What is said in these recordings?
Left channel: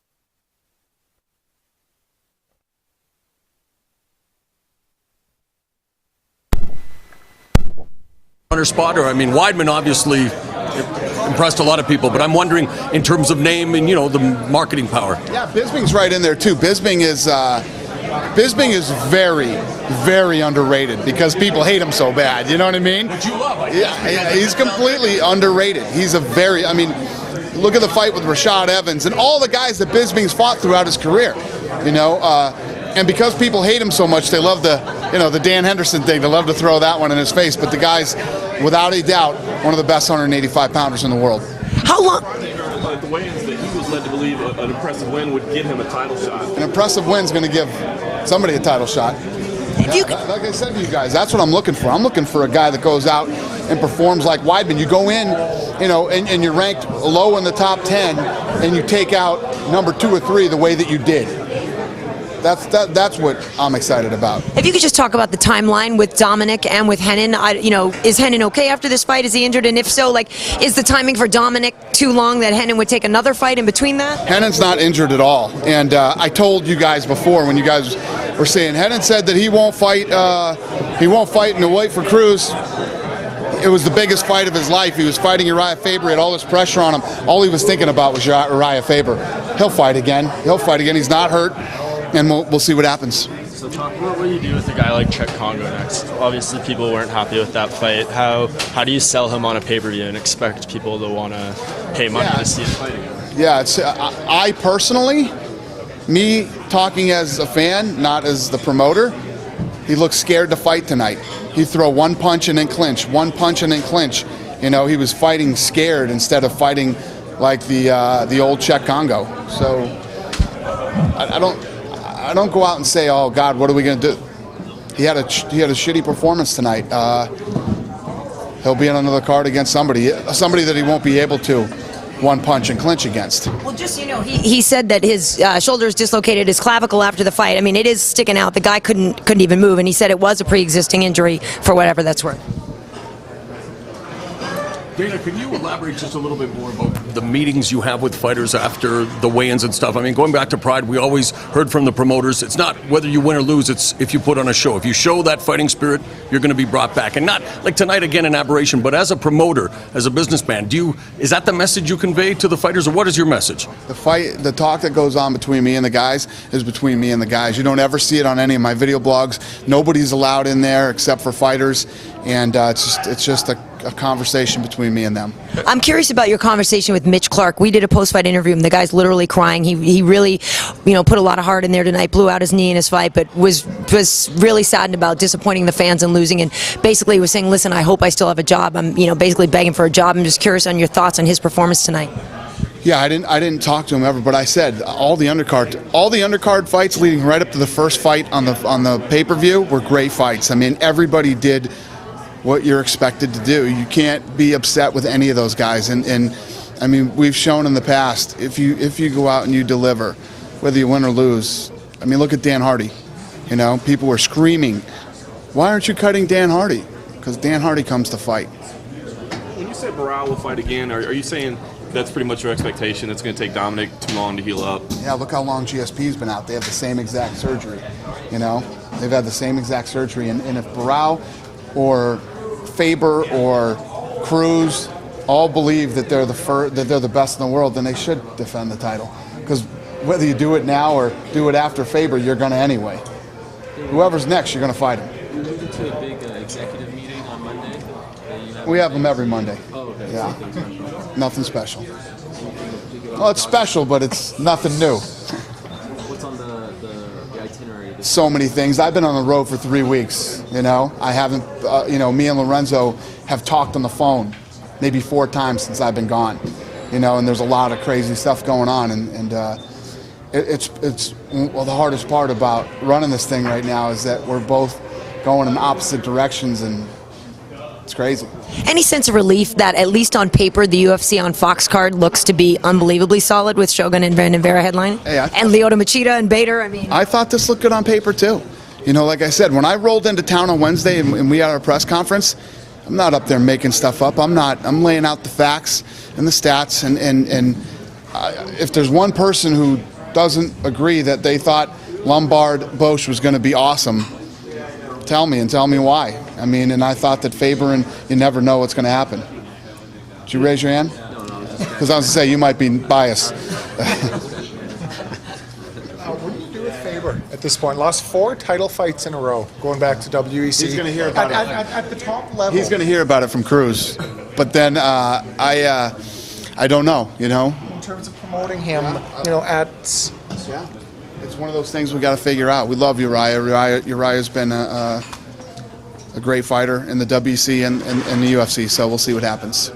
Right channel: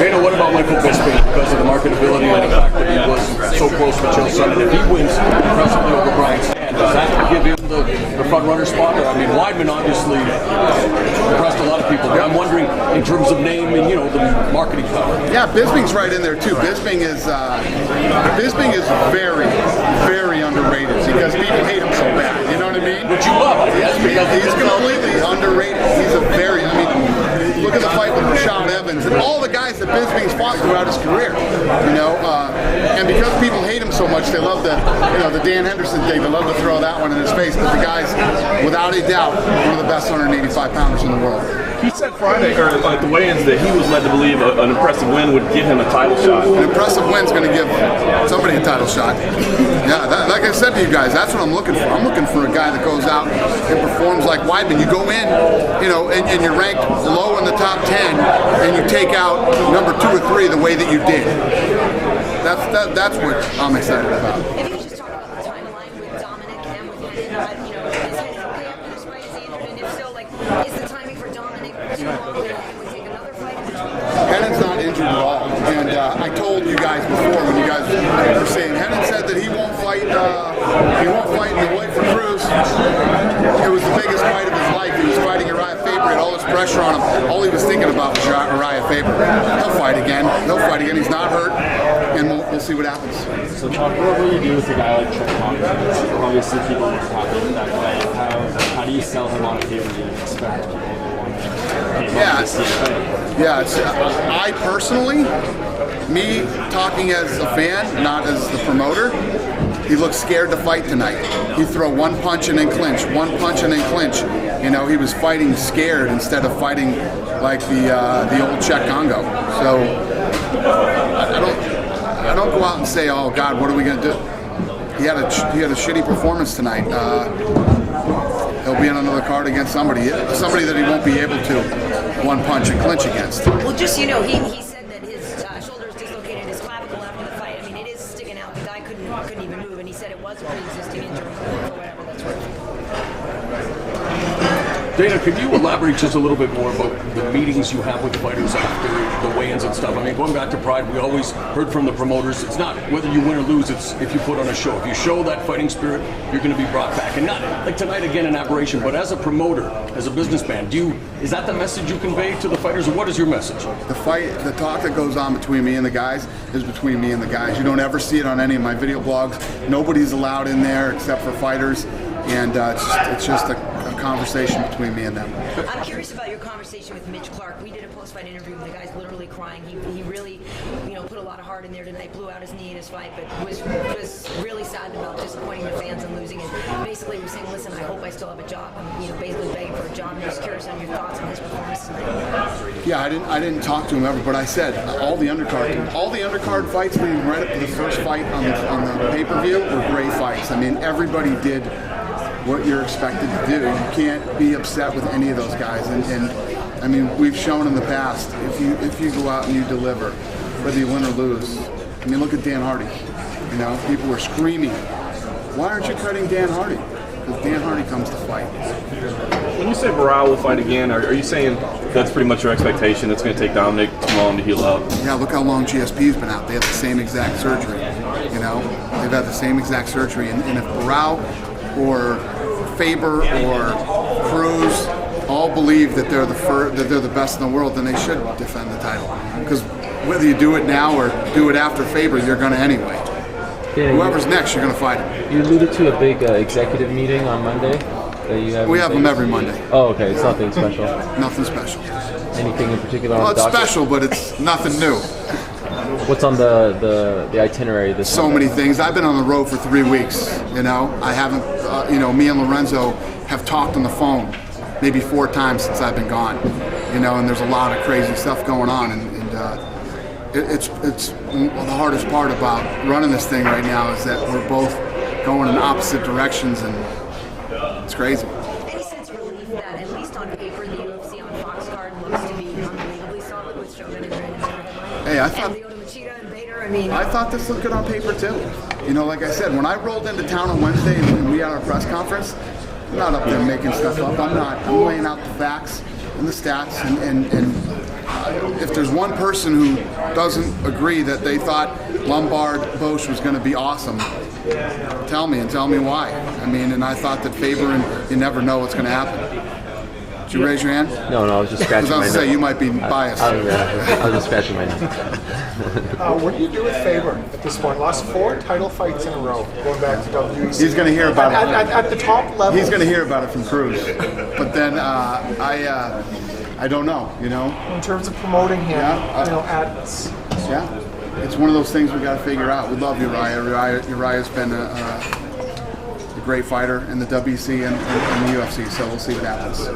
Dana, what about Michael Bisping because of the marketability and the fact that he was so close with Sonnen? If he wins impressively over Bryant, does that give him the front runner spot? Or I mean, Weidman obviously impressed a lot of people, but I'm wondering in terms of name and the marketing power. Yeah, Bisping's right in there too. Bisping is very, very underrated because people hate him so bad. You know what I mean? Which you love. Yeah, he's completely underrated. He's look at the fight with Rashad Evans and all the guys that Bisping's fought throughout his career. And because people hate him so much, they love the Dan Henderson thing. They love to throw that one in his face. But the guy's, without a doubt, one of the best 185 pounders in the world. How long? Friday, or at the weigh-ins, that he was led to believe an impressive win would get him a title shot. An impressive win's going to give somebody a title shot. Yeah, like I said to you guys, that's what I'm looking for. I'm looking for a guy that goes out and performs like Weidman. You go in, and you're ranked low in the top 10, and you take out number 2 or 3 the way that you did. That's what I'm excited about. If you could just talk about the timeline with Dominic and with Hennen, is Hennen okay after this fight? Is he injured? And if so, is the timing for Dominic too long that Hennen would take another fight in between that? Hennen's not injured at all, and I told you guys before when you guys were saying Hennen said that he won't fight. He won't fight in the weight for Cruz. It was the biggest fight of his life. He was fighting Uriah Faber. He had all this pressure on him. All he was thinking about was Uriah Faber. He'll fight again. He's not hurt. And we'll see what happens. So, Chuck, what will you do with a guy like Chuck Congress? Obviously, people weren't happy with that fight. How do you sell him on a pay-per-view and expect people to want to pay money to see the fight? Yeah, I personally, me talking as a fan, not as the promoter, he looked scared to fight tonight. He'd throw one punch and then clinch, one punch and then clinch. He was fighting scared instead of fighting like the old Czech Congo. So I don't go out and say, oh God, what are we going to do? He had a shitty performance tonight. He'll be on another card against somebody that he won't be able to one punch and clinch against. Well, just he said that his shoulder is dislocated, his clavicle after the fight. I mean, it is sticking out. The guy couldn't even move, and he said it was a pre-existing injury for whatever that's worth. Dana, could you elaborate just a little bit more about the meetings you have with fighters after the weigh-ins and stuff? I mean, going back to Pride, we always heard from the promoters, it's not whether you win or lose, it's if you put on a show. If you show that fighting spirit, you're going to be brought back. And not like tonight, again, an aberration, but as a promoter, as a businessman, is that the message you convey to the fighters, or what is your message? The talk that goes on between me and the guys is between me and the guys. You don't ever see it on any of my video blogs. Nobody's allowed in there except for fighters, and it's just a conversation between me and them. I'm curious about your conversation with Mitch Clark. We did a post-fight interview, and the guy's literally crying. He really, put a lot of heart in there tonight, blew out his knee in his fight, but was really saddened about disappointing the fans and losing, and basically was saying, listen, I hope I still have a job. I'm, basically begging for a job. I'm just curious on your thoughts on his performance tonight. Yeah, I didn't talk to him ever, but I said all the undercard fights leading right up to the first fight on the pay-per-view were great fights. I mean, everybody did what you're expected to do. You can't be upset with any of those guys. And I mean, we've shown in the past, if you go out and you deliver, whether you win or lose. I mean, look at Dan Hardy. People were screaming, why aren't you cutting Dan Hardy? Because Dan Hardy comes to fight. When you say Barao will fight again, are you saying that's pretty much your expectation? It's going to take Dominic too long to heal up? Yeah, look how long GSP's been out. They have the same exact surgery. They've had the same exact surgery. And if Barao or Faber or Cruz all believe that they're the best in the world, then they should defend the title. Because whether you do it now or do it after Faber, you're going to anyway. Yeah, whoever's next, you're going to fight him. You alluded to a big executive meeting on Monday. We have them every Monday. Oh, okay. It's nothing special. Nothing special. Anything in particular? Well, on it's the docket? special, but it's nothing new. What's on the itinerary? So many things. I've been on the road for 3 weeks. I haven't. Me and Lorenzo have talked on the phone maybe 4 times since I've been gone. And there's a lot of crazy stuff going on, and it's the hardest part about running this thing right now is that we're both going in opposite directions, and it's crazy. Any sense of relief that, at least on paper, the UFC on Fox card looks to be unbelievably solid with Shogun and Brandon Vera headlining? Hey, and Lyoto Machida and Bader? I thought this looked good on paper, too. Like I said, when I rolled into town on Wednesday and we had our press conference, I'm not up there making stuff up. I'm laying out the facts and the stats, and if there's one person who doesn't agree that they thought Lombard-Bosch was going to be awesome, tell me why. I mean, and I thought that Faber, and you never know what's going to happen. Did you raise your hand? No, I was just scratching. Because I was going to say you might be biased. I was just scratching my nose. What do you do with Faber at this point? Lost 4 title fights in a row, going back to WEC. He's going to hear about it. At the top level. He's going to hear about it from Cruz. But then I don't know, you know. In terms of promoting him, at... Yeah, it's one of those things we got to figure out. We love Uriah. Uriah's been a great fighter in the WC and the UFC, so we'll see what happens.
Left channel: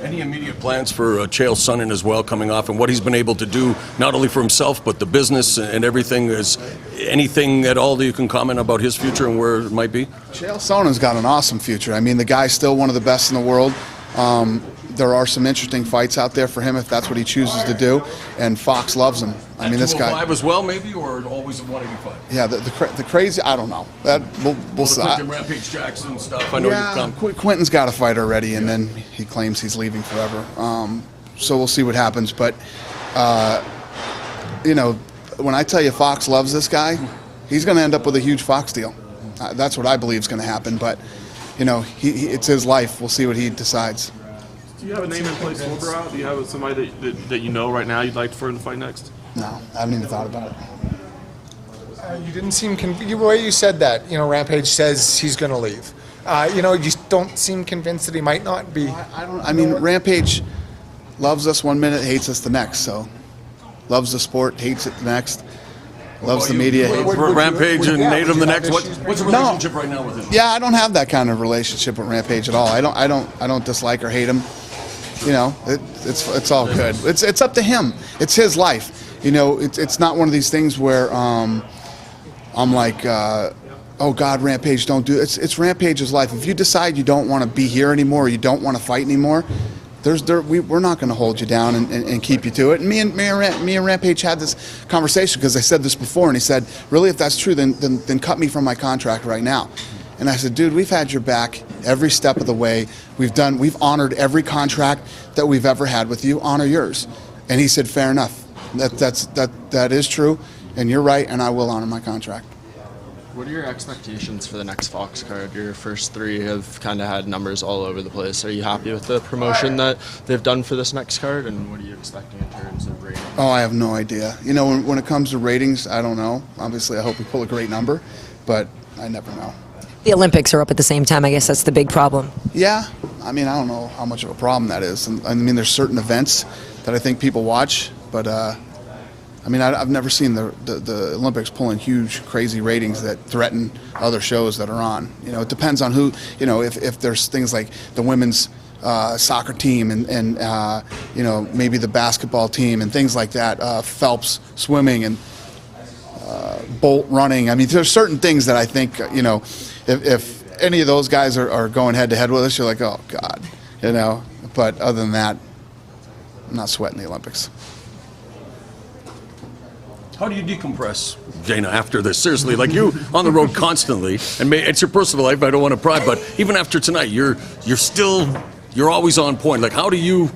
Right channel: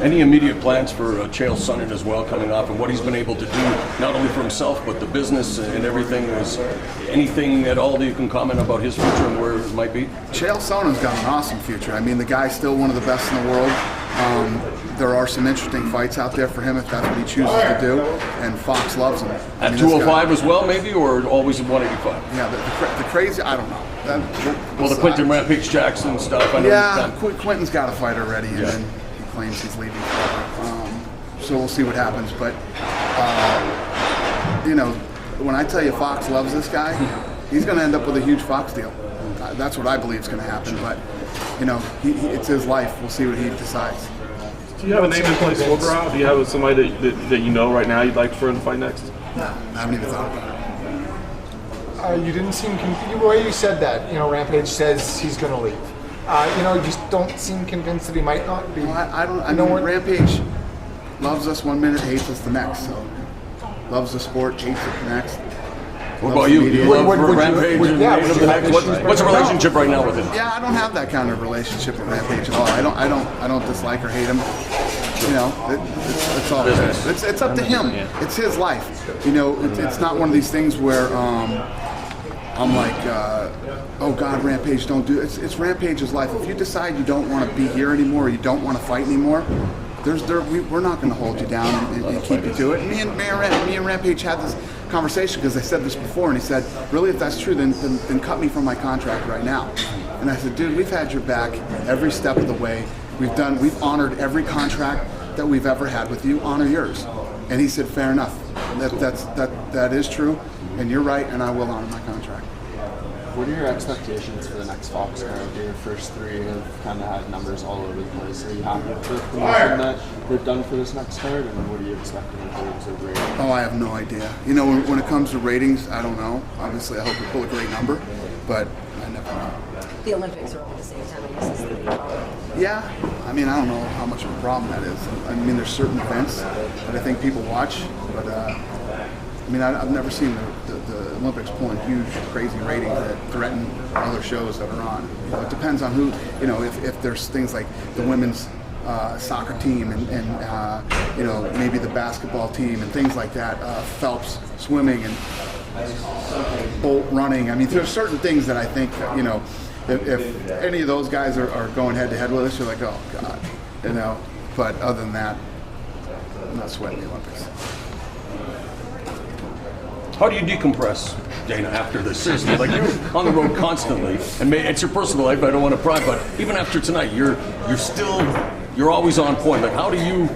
Any immediate plans for Chael Sonnen as well coming off, and what he's been able to do, not only for himself, but the business and everything? Is anything at all that you can comment about his future and where it might be? Chael Sonnen's got an awesome future. I mean, the guy's still one of the best in the world. There are some interesting fights out there for him if that's what he chooses to do, and Fox loves him. I mean, At 205 as well, maybe, or always at 185? Yeah, the crazy, I don't know. Well, the Quinton Rampage Jackson stuff, I know Quinton's got a fight already, and then he claims he's leaving forever. So we'll see what happens. But, when I tell you Fox loves this guy, he's going to end up with a huge Fox deal. That's what I believe is going to happen. But, it's his life. We'll see what he decides. Do you have a name in place for Barao? Do you have somebody that you know right now you'd like for him to fight next? No, I haven't even thought about it. You didn't seem the way you said that. Rampage says he's going to leave. You just don't seem convinced that he might not be. I mean, Rampage loves us one minute, hates us the next. So, loves the sport, hates it the next. Loves the media. Rampage and hate him the next. What's the relationship right now with him? Yeah, I don't have that kind of relationship with Rampage at all. I don't dislike or hate him. It's all good. It's up to him. It's his life. It's not one of these things where I'm like, oh God, Rampage, don't do it. It's Rampage's life. If you decide you don't want to be here anymore, or you don't want to fight anymore, we're not going to hold you down and keep you to it. And me and Rampage had this conversation because I said this before, and he said, really, if that's true, then cut me from my contract right now. And I said, dude, we've had your back every step of the way. We've honored every contract that we've ever had with you. Honor yours. And he said, fair enough. That is true, and you're right, and I will honor my contract. What are your expectations for the next Fox card? Your first 3 have kind of had numbers all over the place. Are you happy with the promotion that they've done for this next card, and what are you expecting in terms of ratings? Oh, I have no idea. When it comes to ratings, I don't know. Obviously, I hope we pull a great number, but I never know. The Olympics are up at the same time. I guess that's the big problem. Yeah. I mean, I don't know how much of a problem that is. And, I mean, there's certain events that I think people watch, but I've never seen the Olympics pulling huge, crazy ratings that threaten other shows that are on. It depends on who. If there's things like the women's soccer team and maybe the basketball team and things like that, Phelps swimming and Bolt running. I mean, there's certain things that I think if any of those guys are going head to head with us, you're like, oh God, But other than that, I'm not sweating the Olympics. How do you decompress, Dana, after this? Seriously, like you on the road constantly, and it's your personal life, I don't want to pry, but even after tonight, you're always on point. Like, how do you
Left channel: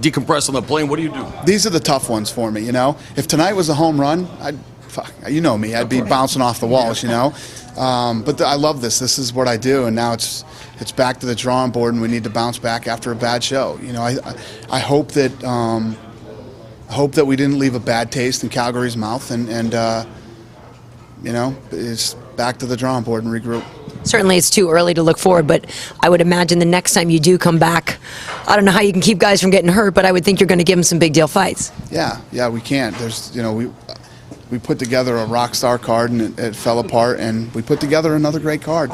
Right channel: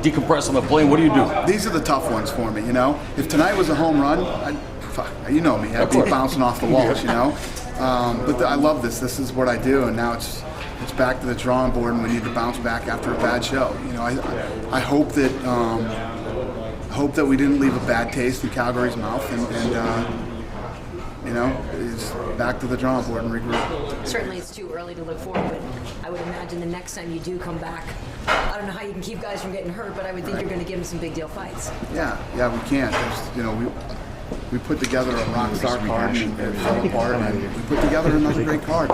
decompress on the plane? What do you do? These are the tough ones for me, If tonight was a home run, I'd be bouncing off the walls, But I love this. This is what I do, and now it's back to the drawing board, and we need to bounce back after a bad show. I hope that we didn't leave a bad taste in Calgary's mouth, and it's back to the drawing board and regroup. Certainly it's too early to look forward, but I would imagine the next time you do come back, I don't know how you can keep guys from getting hurt, but I would think you're going to give them some big deal fights. Yeah, we can. There's, we put together a rock star card, and it fell apart, and we put together another great card.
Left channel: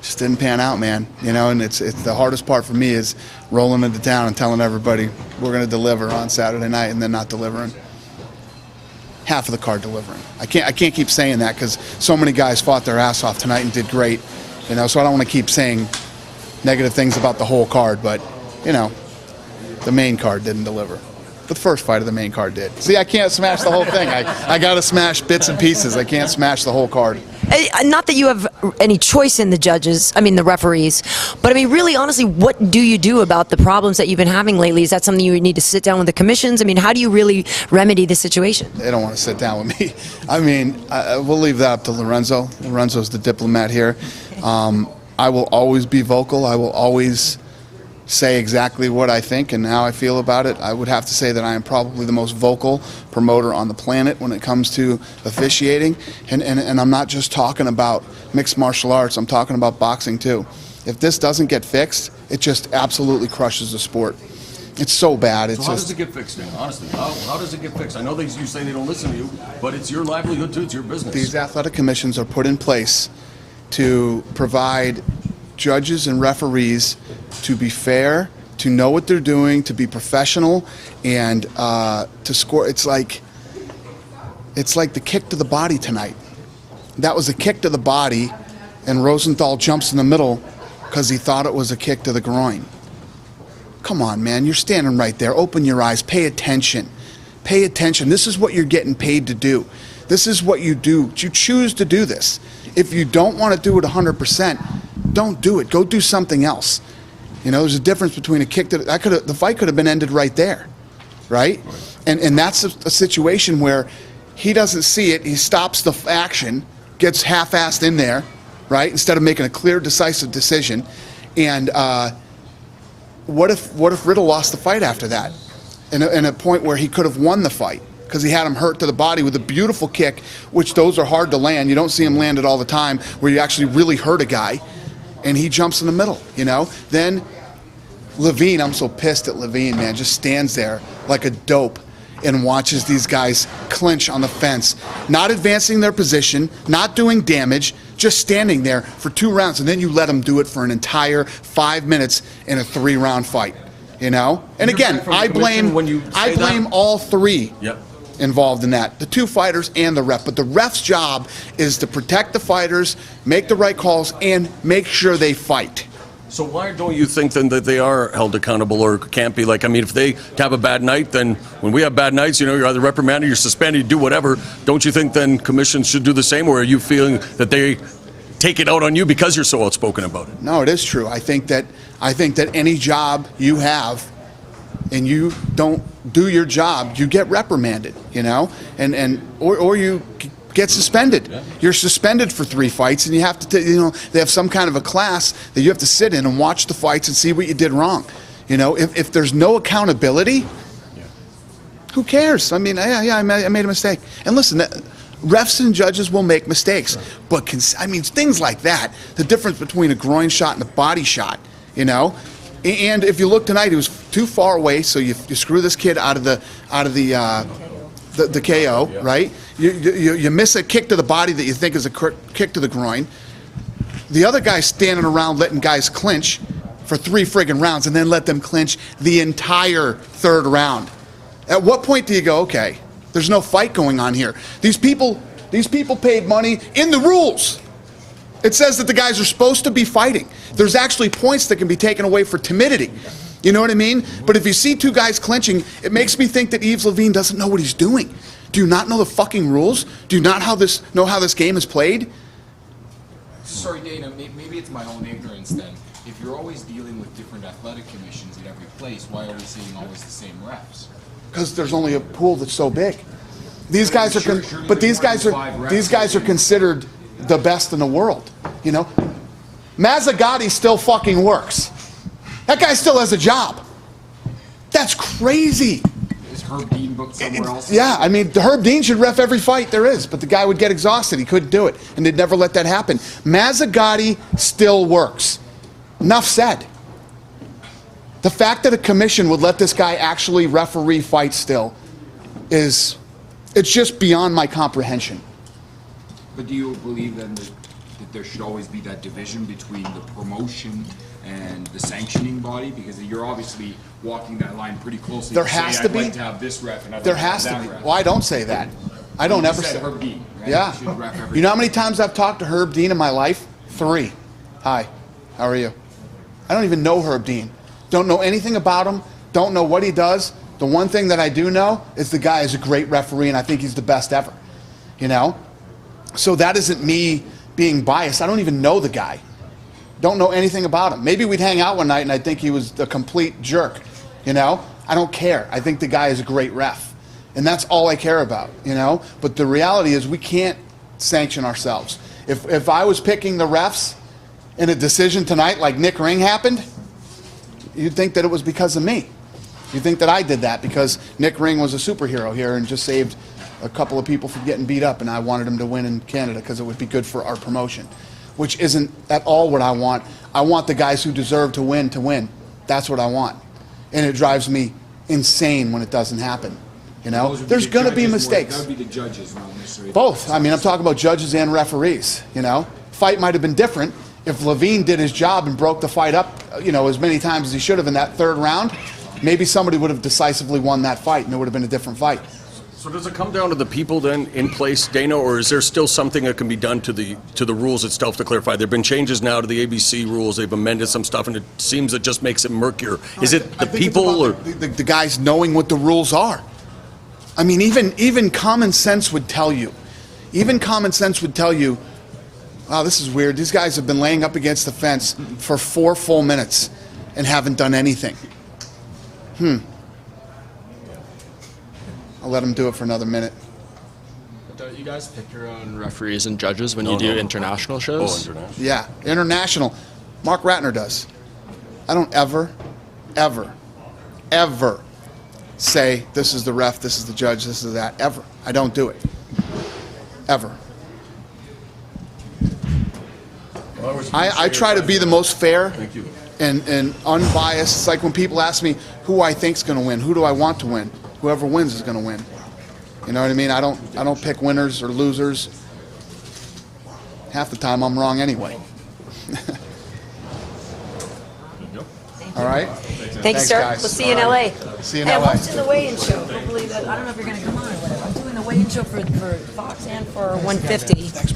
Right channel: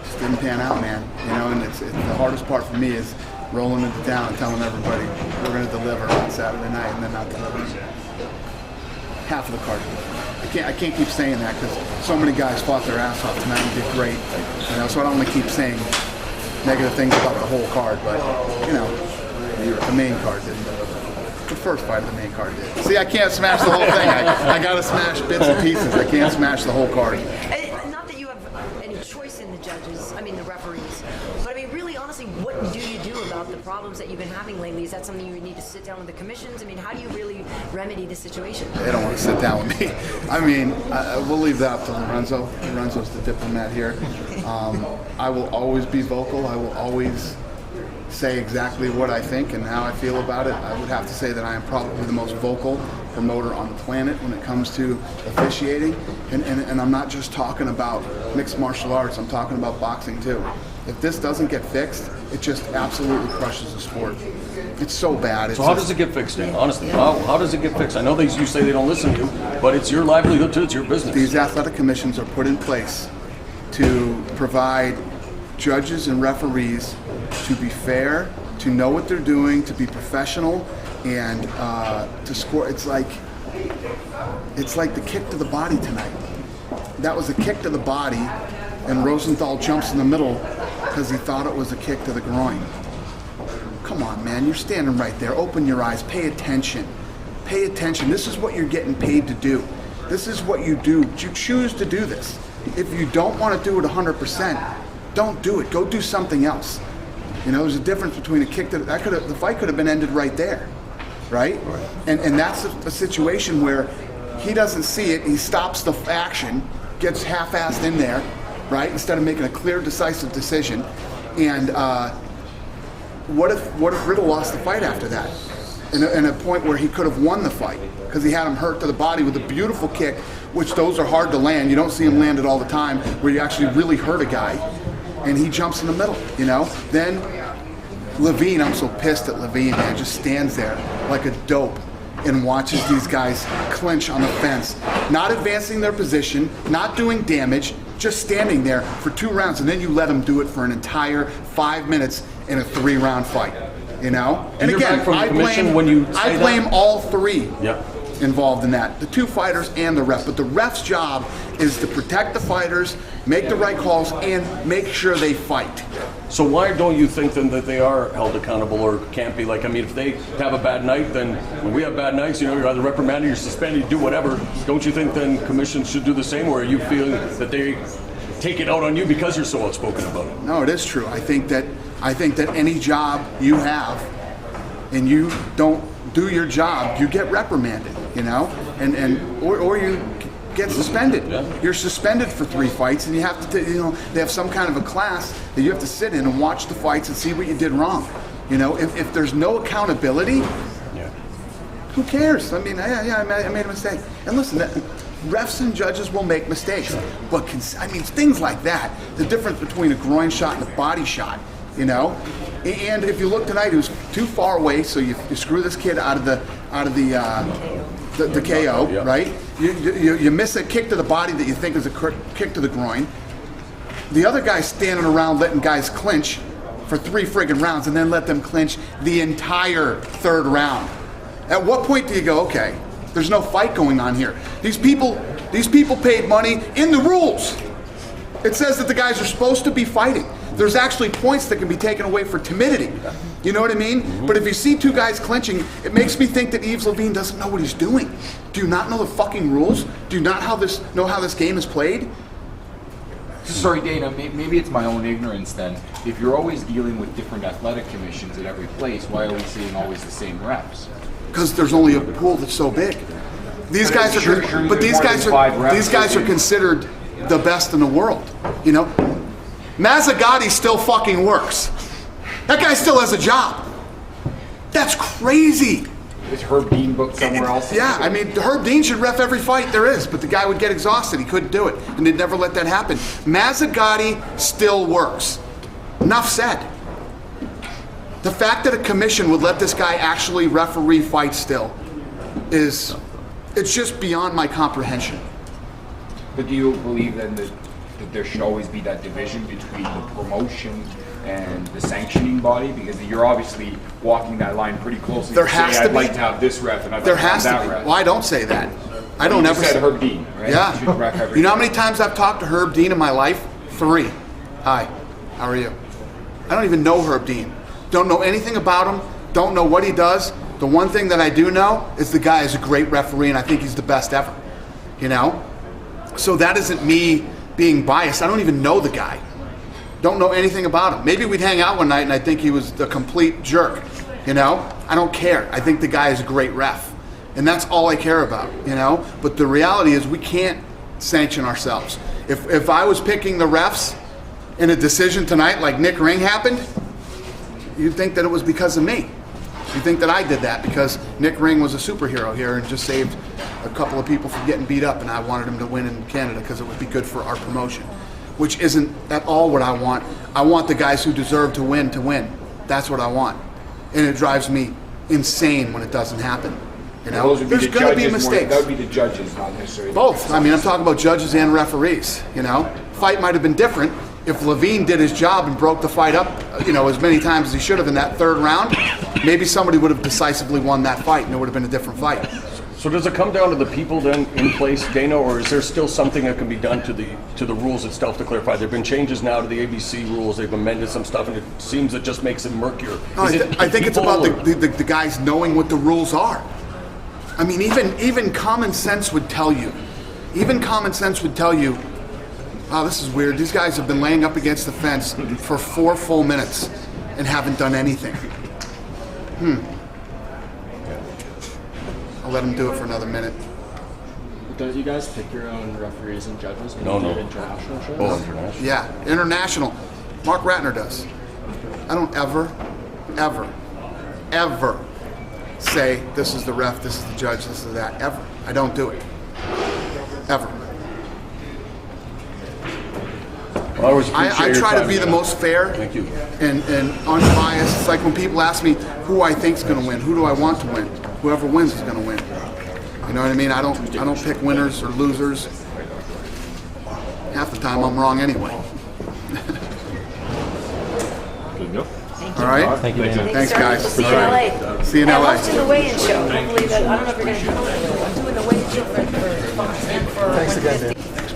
Just didn't pan out, man. And it's the hardest part for me is rolling into town and telling everybody we're going to deliver on Saturday night and then not delivering. Half of the card delivering. I can't keep saying that because so many guys fought their ass off tonight and did great. So I don't want to keep saying negative things about the whole card, but the main card didn't deliver. The first fight of the main card did. See, I can't smash the whole thing. I got to smash bits and pieces. I can't smash the whole card. Not that you have any choice in the referees, but I mean, really, honestly, what do you do about the problems that you've been having lately? Is that something you need to sit down with the commissions? I mean, how do you really remedy the situation? They don't want to sit down with me. I mean, we'll leave that up to Lorenzo. Lorenzo's the diplomat here. I will always be vocal. I will always say exactly what I think and how I feel about it. I would have to say that I am probably the most vocal promoter on the planet when it comes to officiating. And I'm not just talking about mixed martial arts. I'm talking about boxing too. If this doesn't get fixed, it just absolutely crushes the sport. It's so bad. So how does it get fixed, Dan? Honestly, how does it get fixed? I know you say they don't listen to you, but it's your livelihood too. It's your business. These athletic commissions are put in place to provide judges and referees to be fair, to know what they're doing, to be professional, and to score. It's like the kick to the body tonight. That was a kick to the body, and Rosenthal jumps in the middle because he thought it was a kick to the groin. Come on, man, you're standing right there. Open your eyes, pay attention. Pay attention. This is what you're getting paid to do. This is what you do. You choose to do this. If you don't want to do it 100%, don't do it. Go do something else. You know, there's a difference between a kick the fight could have been ended right there, right? And that's a situation where he doesn't see it. He stops the action, gets half-assed in there, right? Instead of making a clear, decisive decision. And what if Riddle lost the fight after that? In a point where he could have won the fight because he had him hurt to the body with a beautiful kick, which those are hard to land. You don't see him land it all the time, where you actually really hurt a guy, and he jumps in the middle, you know? Then Levine, I'm so pissed at Levine, man, just stands there like a dope and watches these guys clinch on the fence, not advancing their position, not doing damage, just standing there for 2 rounds, and then you let them do it for an entire 5 minutes in a 3-round fight, you know? And again, I blame all 3 involved in that, the 2 fighters and the ref. But the ref's job is to protect the fighters, make the right calls, and make sure they fight. So why don't you think then that they are held accountable or can't be? Like, I mean, if they have a bad night, then when we have bad nights, you know, you're either reprimanded, you're suspended, you do whatever. Don't you think then commissions should do the same, or are you feeling that they take it out on you because you're so outspoken about it? No, it is true. I think that any job you have and you don't do your job, you get reprimanded, you know, or you get suspended. You're suspended for 3 fights, and you have to, you know, they have some kind of a class that you have to sit in and watch the fights and see what you did wrong. You know, if there's no accountability, who cares? I mean, yeah, I made a mistake. And listen, refs and judges will make mistakes, but I mean, things like that, the difference between a groin shot and a body shot, you know. And if you look tonight, he was too far away, so you screw this kid out of the KO, right? You miss a kick to the body that you think is a kick to the groin. The other guy's standing around letting guys clinch for 3 friggin' rounds and then let them clinch the entire 3rd round. At what point do you go, okay, there's no fight going on here? These people paid money in the rules. It says that the guys are supposed to be fighting. There's actually points that can be taken away for timidity. You know what I mean? But if you see 2 guys clinching, it makes me think that Yves Levine doesn't know what he's doing. Do you not know the fucking rules? Do you not know how this game is played? Sorry, Dana, maybe it's my own ignorance then. If you're always dealing with different athletic commissions at every place, why are we seeing always the same refs? Because there's only a pool that's so big. These guys are considered the best in the world, you know? Mazzagatti still fucking works. That guy still has a job. That's crazy. Is Herb Dean booked somewhere else? Yeah, I mean, Herb Dean should ref every fight there is, but the guy would get exhausted. He couldn't do it, and they'd never let that happen. Mazzagatti still works. Enough said. The fact that a commission would let this guy actually referee fights still it's just beyond my comprehension. But do you believe then that there should always be that division between the promotion and the sanctioning body? Because you're obviously walking that line pretty closely. There has to be. I'd like to have this ref and I'd there like to have has that to be. ref. Well, I don't say that. I don't ever say Herb Dean, right? Yeah. Should ref every You know how many times I've talked to Herb Dean in my life? 3. Hi, how are you? I don't even know Herb Dean. Don't know anything about him. Don't know what he does. The one thing that I do know is the guy is a great referee, and I think he's the best ever. You know? So that isn't me being biased. I don't even know the guy. Don't know anything about him. Maybe we'd hang out one night and I think he was a complete jerk. You know? I don't care. I think the guy is a great ref. And that's all I care about, you know? But the reality is we can't sanction ourselves. If I was picking the refs in a decision tonight like Nick Ring happened, you'd think that it was because of me. You'd think that I did that because Nick Ring was a superhero here and just saved a couple of people from getting beat up, and I wanted him to win in Canada because it would be good for our promotion, which isn't at all what I want. I want the guys who deserve to win to win. That's what I want. And it drives me insane when it doesn't happen. You know, there's going to be mistakes. That would be the judges, not necessarily. Both. I mean, I'm talking about judges and referees. You know, fight might have been different if Levine did his job and broke the fight up, you know, as many times as he should have in that third round. Maybe somebody would have decisively won that fight, and it would have been a different fight. So does it come down to the people then in place, Dana, or is there still something that can be done to the rules itself to clarify? There have been changes now to the ABC rules. They've amended some stuff, and it seems it just makes it murkier. Is it I think people it's about the guys knowing what the rules are. I mean, even common sense would tell you. Even common sense would tell you, oh, this is weird. These guys have been laying up against the fence for 4 full minutes and haven't done anything. I'll let them do it for another minute. Don't you guys pick your own referees and judges when you do international shows? Yeah, international. Mark Ratner does. I don't ever say this is the ref, this is the judge, this is that. Ever. I don't do it. Ever. I try to be the most fair and unbiased. It's like when people ask me who I think's going to win, who do I want to win? Whoever wins is going to win. You know what I mean? I don't pick winners or losers. Half the time I'm wrong anyway. All right? Thanks, sir. guys. We'll see you in LA. See you in Hey, LA. I'm hosting the weigh-in show. I don't know if you're going to come. I'm doing the weigh-in show for Fox and for 150.